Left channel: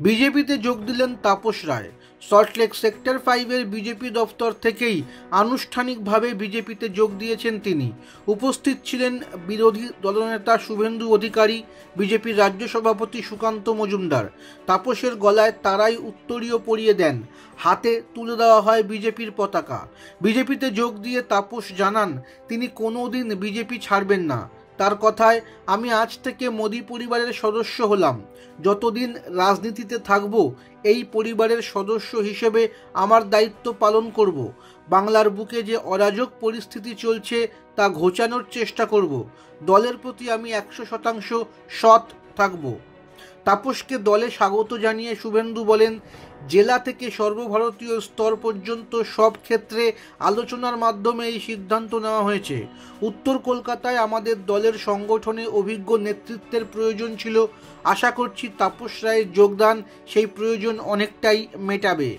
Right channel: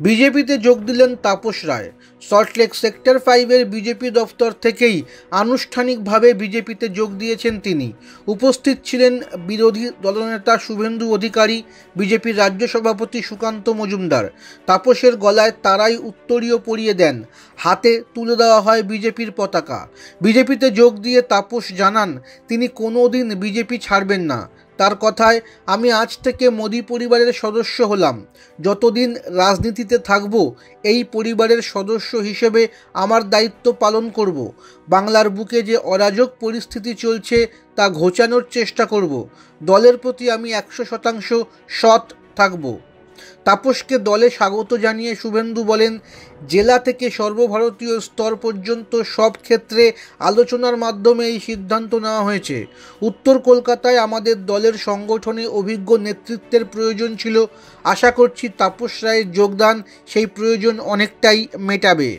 বিজেপিতে যোগ দিলেন তাপস রায়। সল্টলেক সেক্টর 5-এর বিজেপি দফতর থেকেই আনুষ্ঠানিকভাবে বিজেপিতে যোগ দিয়েছেন তিনি। উপস্থিত ছিলেন বিরোধী দলনেতা শুভেন্দু অধিকারী, বিজেপির রাজ্য সভাপতি সুকান্ত মজুমদার। তাপসের গলায় তারাই উত্তরীয় পরিয়ে দেন, হাতে তুলে দেওয়া হয় বিজেপির পতাকা। বিজেপিতে যোগ দিয়ে তাপস জানান, তিনি কোনোদিন বিজেপি ছাড়বেন না। তার কথায়, আমি আজ থেকে মোদি পরিবারের সদস্য হলাম। যতদিন রাজনীতিতে থাকব, এই পরিবারের সদস্য হিসেবে আমার দায়িত্ব পালন করব। বাংলার বুকে যে অরাজক পরিস্থিতি চলছে তা ঘোচানোর চেষ্টা করব। দলের প্রতি আমি 100% সৎ থাকব। তাপসকে দলে স্বাগত জানিয়ে শুভেন্দু বলেন, জেলা থেকে সর্বভারতীয় স্তর পর্যন্ত সব ক্ষেত্রে আলোচনার মাধ্যমে এই সিদ্ধান্ত নেওয়া হয়েছে। উত্তর কলকাতায় আমাদের দলের সংগঠনে অভিজ্ঞ নেতৃত্বের প্রয়োজন ছিল। আশা করছি তাপস রায়ের যোগদান সেই প্রয়োজন অনেকটাই মেটাবে।